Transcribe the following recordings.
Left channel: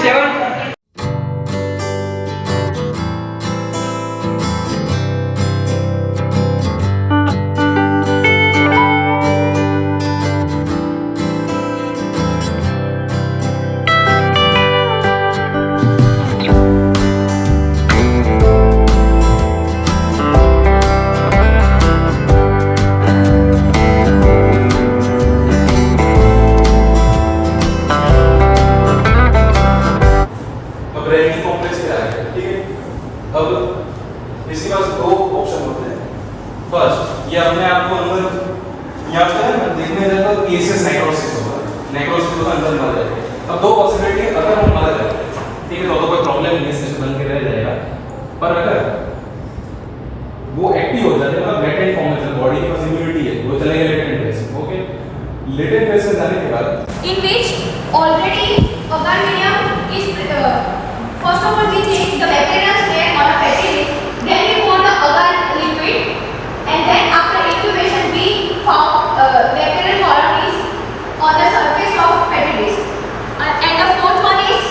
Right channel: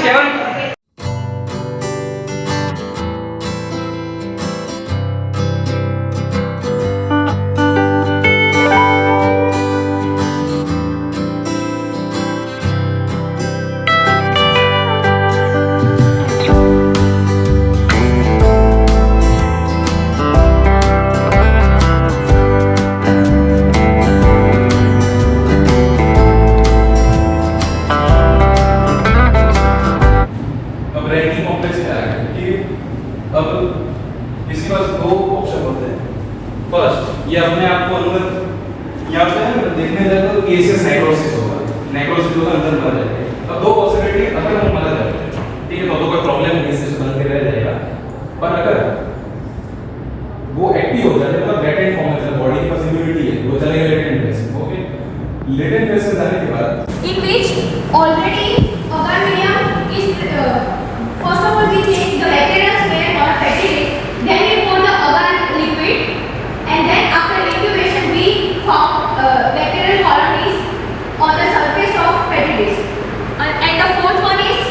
27. Ranking complex क्या है? ठीक है, अब इसके पास दो ऑप्शन होते हैं। फर्स्ट, ये अपने आप को यहाँ पे है देखने जाए तो केसेस नेक्रोसिस होगा, नेक्रोसिस तो अंदर मर जाएगा। अब दो पॉसिबिलिटी, अगर वो मर जाए ठीक है तो कोई प्रॉब्लम नहीं, सिस्टम बन के रह जाएगा। पर अगर वो एक्टिव हो जाए तो लेटेंट फॉर्म में बॉडी के पास इम्यूनिटी है, वो चलेगा latent phase. Okay, latent phase में जाने के बाद in which already agar medium is first of all we take the bacterial smear on a petri dish, then we pour the agar liquid, and then after incubation we found bacterial colonies on the surface of petri dish. And the fourth one is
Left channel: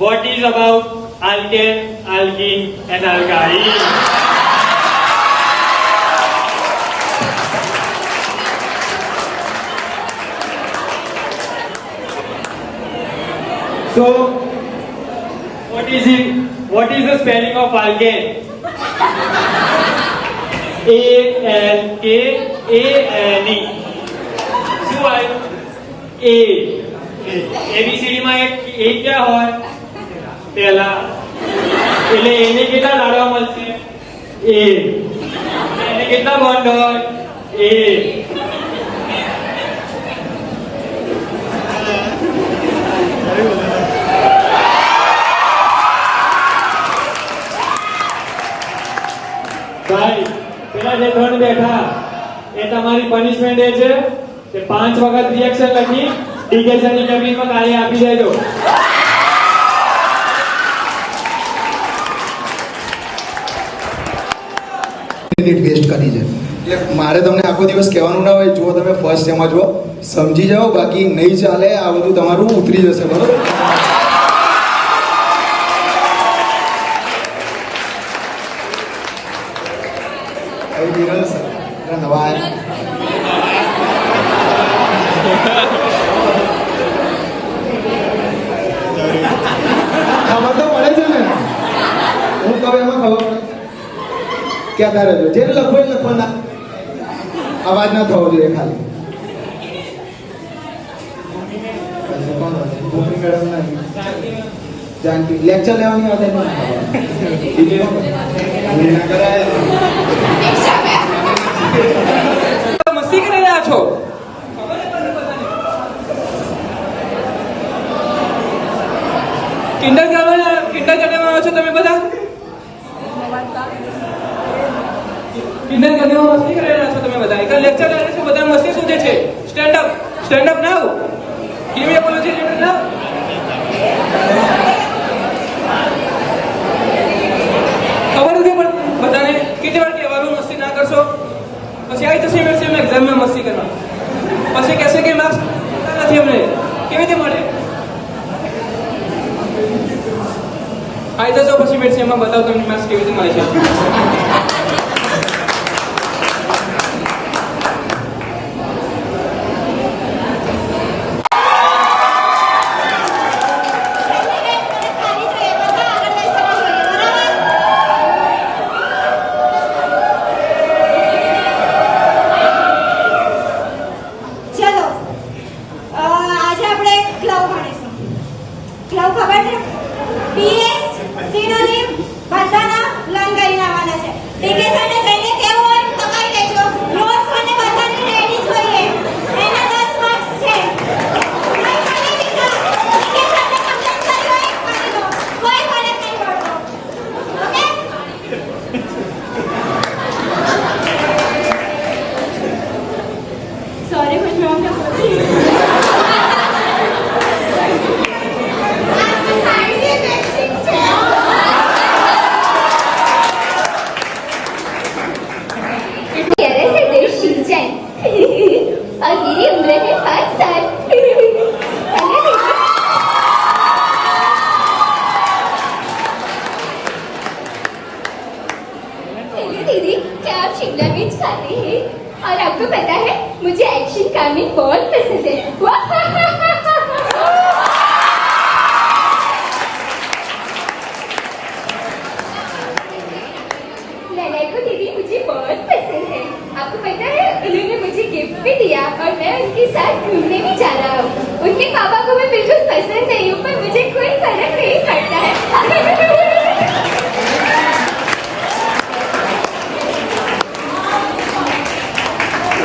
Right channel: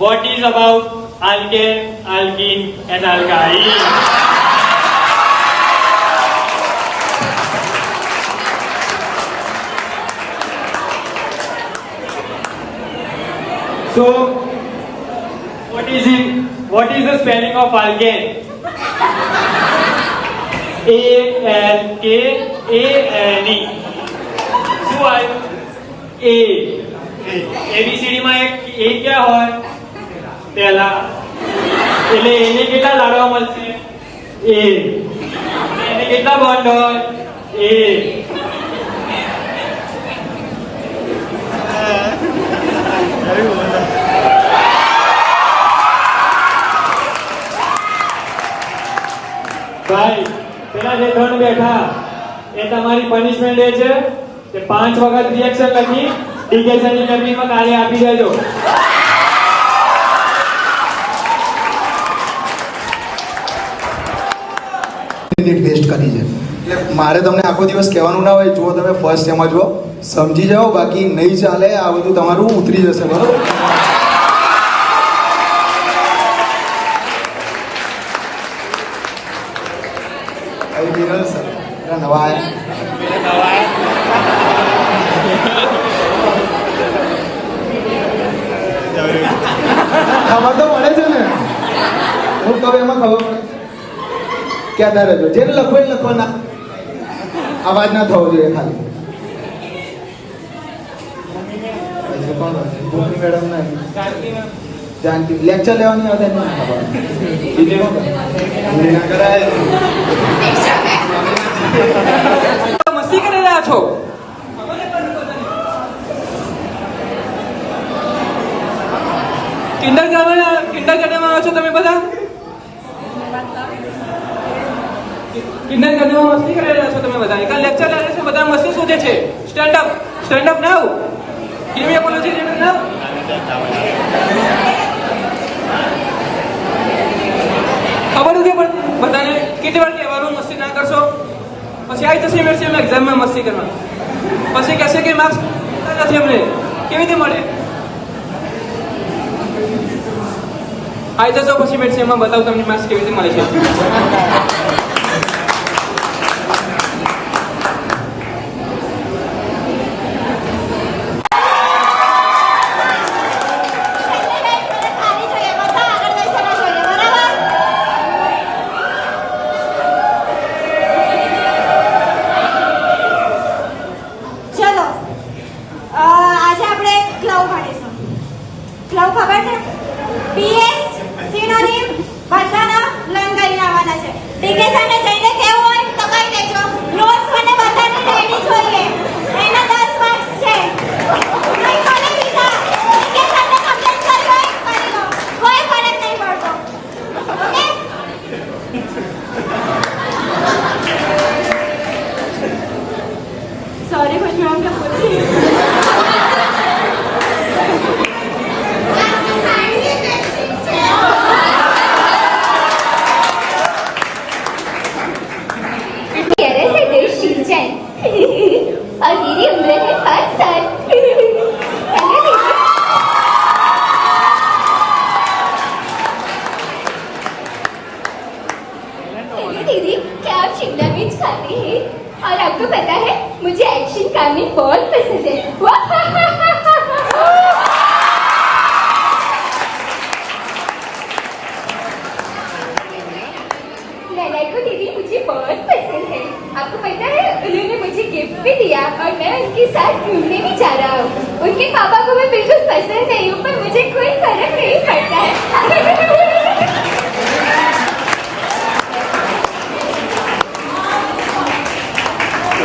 what is about alkane, alkene and alkyne. So what is the spelling of alkane? ALKANE. શું હોય? A ABCD માં એક A क्या હોય? पहला એટલે એને કેટલા લાડવા મળશે? A. એને કેટલા બોન્ડ હોય? A. ભાઈ પેલા જે ત્રણ બેઠા એ તમારી પનિશમેન્ટ એ છે કે 5 વખત રિએક્શન લખી ડિકેશનની ટેકનિકમાં તાળી આપી દેજો. ટેસ્ટ કરી છે એટલે મારે તમને આખો દિવસ કહેવાનું ના હોય, જો તમે ફર્સ્ટ એમાં જો સમજી જાઓ, બાકી નહીં ચાલે, આ બધું તમારું ઉતરી જશે. બરોબર? નવા ખબર તો પડે છે ને, હું કહું એમાં ખબર પડે. કહેતા રહેજો, જેને લખો એ લખો, ના અવાજ ના થવો જોઈએ ખાલી. મેડમ જાનકી લેક્ચર લેવાની આવે એમને મસ્તી કરી રહ્યા છો? કિન્ડરગાર્ટન આવ્યો છો તમે બધા? કિન્ડરગાર્ટનમાં મસ્તી કરી રહ્યા છો તમે બધા? એક લેક્ચર લાગે છે, બધા મસ્તી શોધે છે. સ્ટેન્ડ અપ નાઉ. કેવી એપોલોજી નાઉ. ખબર નથી પણ બધાને કેટલી વાર કહેવાનું મસ્તી ના કરશો, પછી આવી જશે એમ એક્ઝામમાં મસ્તી કરવા, પછી કહેશે કે માર્ક્સ નથી અમને, કેવી રીતે મળે? આવી જશો પછી મેડસીએમમાં બતાવો તમને માર્ક્સ કેવી રીતે મળે છે. પીએસ સિનોનિમ બધાના લર્ન કરીને આવવાના છે. ઠીક છે? दीदी, क्या आप शिमला मिर्च खाते हैं? और आपको पता है मुझे एक्शन कामिक बहुत पसंद है। नैना को दीदी मुझे बहुत पसंद है। आपको पता है उन्होंने मुझे गिफ्ट भी दिया और मैं उनके साथ घूमने भी जा रहा हूँ। उनके पापा को मैं बिल्कुल पसंद नहीं हूँ, पर मुझे कोई फर्क नहीं पड़ता है।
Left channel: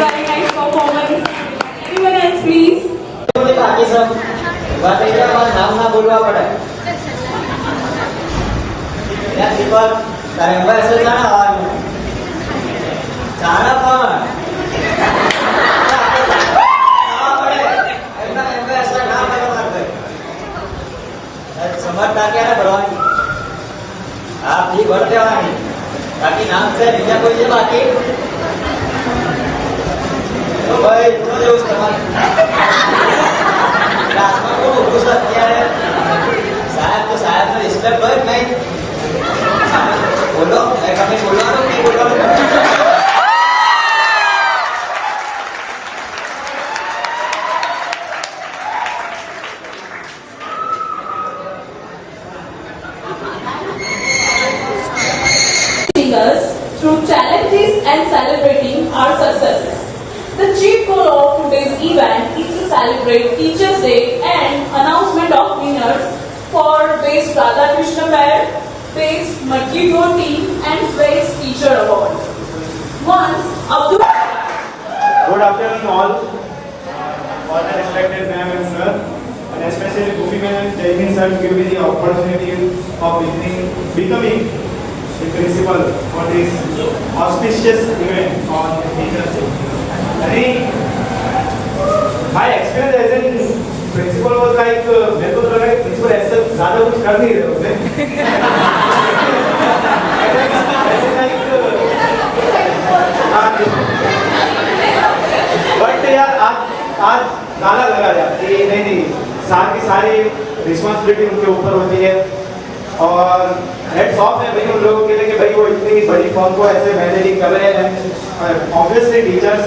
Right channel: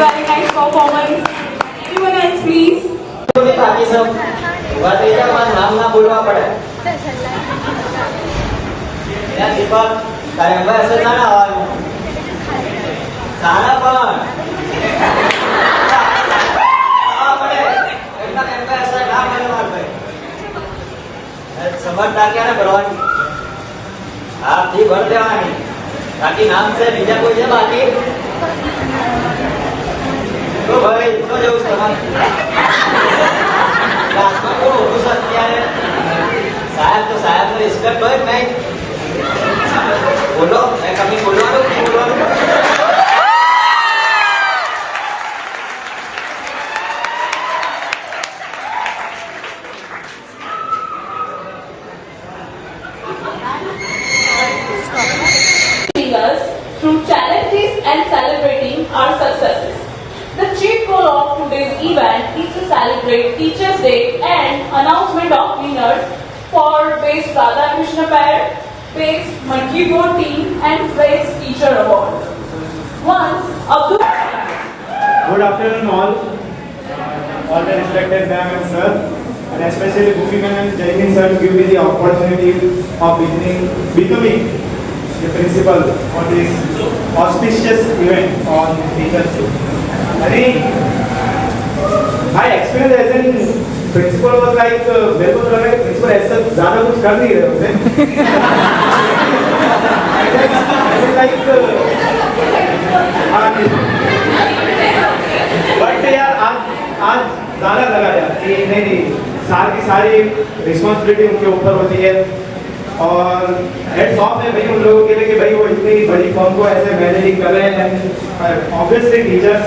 Very nice performance. Anyone else, please? કે બાકી સબ વાતેજા પાસ નામ ના બોલવા પડે એ દીપક તારે હવે અસલ જાણા આવવાનું જાણા પણ આવવા પડે એમના એમને અસલ નામ લેવા માંગે સમજતા ક્યારે ભરવાની આપ જી ભર દેવાની બાકી નામ છે બીજા કોઈ છે બાકી તો ભાઈ જો જેવું તમારે साहब तो साहब ने रिस्पेक्ट बोले मैं बोलो मैं कभी बोला तो नहीं बोला Us through challenges and celebrating our successes. The chief goal of today's event is to celebrate Teachers' Day and announcement of winners for Best Radhakrishna Parrot, Best Maggido Team and Best Teacher Award. Once Abdul Good afternoon all the respected ma'am and sir, and especially Gopi ma'am and Jaimin sir to give me the opportunity of becoming the principal for this auspicious event on Teachers' Day. My experience as a principal was like मेरे को तो लगा principal ऐसा ज़्यादा कुछ कर नहीं रहे होते बट यार आज ज़्यादा लगा था कि नहीं सारी रिस्पॉन्सिबिलिटी उनके ऊपर होती है और हेड्स ऑफ है भाई उन लोगों के लिए कि भाई वो इतनी बड़ी फॉर्म को ऐसे मैनेजिंग कर रहे हैं ऑब्वियसली टीचर्स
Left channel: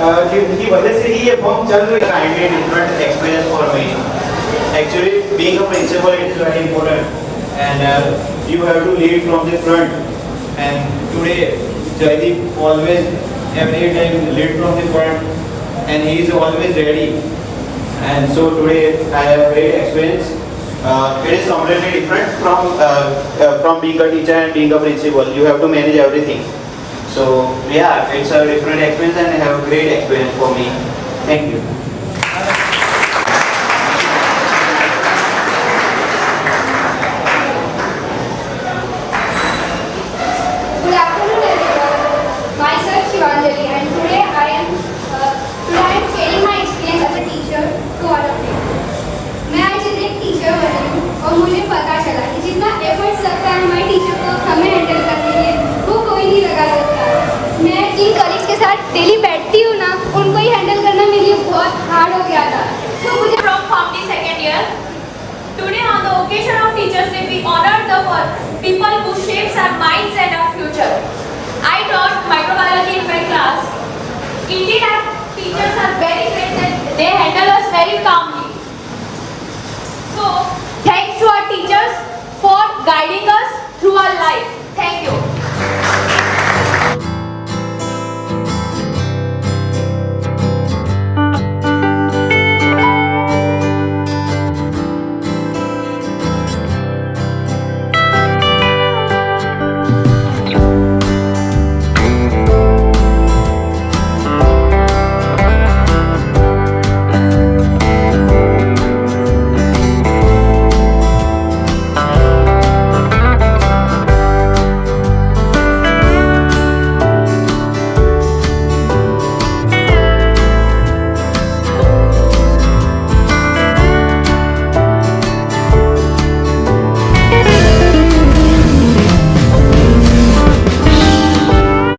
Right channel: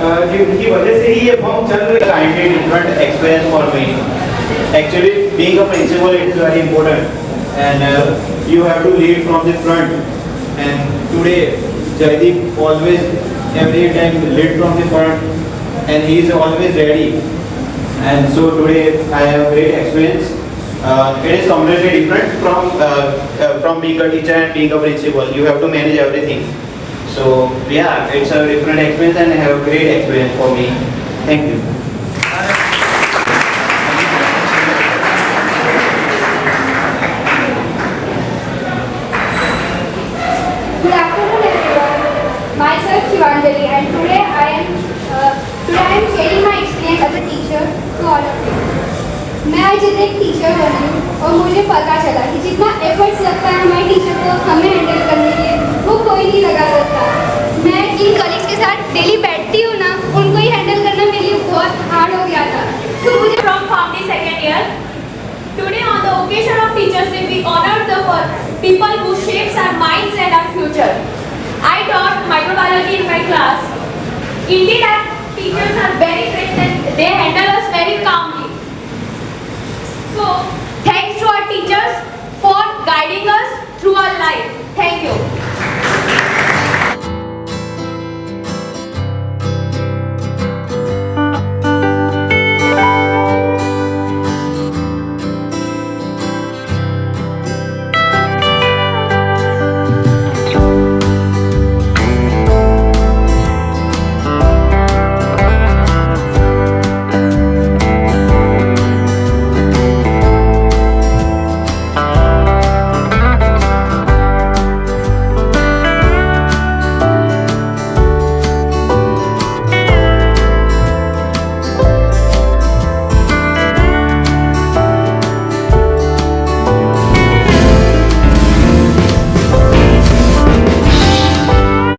कि उनकी वजह से ही ये फॉर्म चल रही है. Slightly different experience for me. Actually, being a principal is very important, and you have to lead from the front. And today, Jaideep always, every time lead from the front, and he is always ready. And so today, I have great experience. It is completely different from being a teacher and being a principal. You have to manage everything. So yeah, it's a different experience and I have a great experience for me. Thank you. Good afternoon, everyone. Myself Shivanjali, and today I am sharing my experience as a teacher to all of you. मैं आज एक teacher बनी हूँ और मुझे पता चला कि जितना एफर्ट्स लगता है हमारे टीचर को हमें हैंडल करने के लिए वो कोई नहीं लगा सकता। मैं जिन कॉलेज के साथ डेली बैठती हूँ ना उनको ही हैंडल करना मेरे लिए बहुत हार्ड हो गया था। तो मुझे From Family Second Year. Today on the occasion of Teachers Day, we honor the people who shapes our minds and our future. I taught microbiology in my class. Indeed, our teachers are very great and they handle us very calmly. So, thanks to our teachers for guiding us through our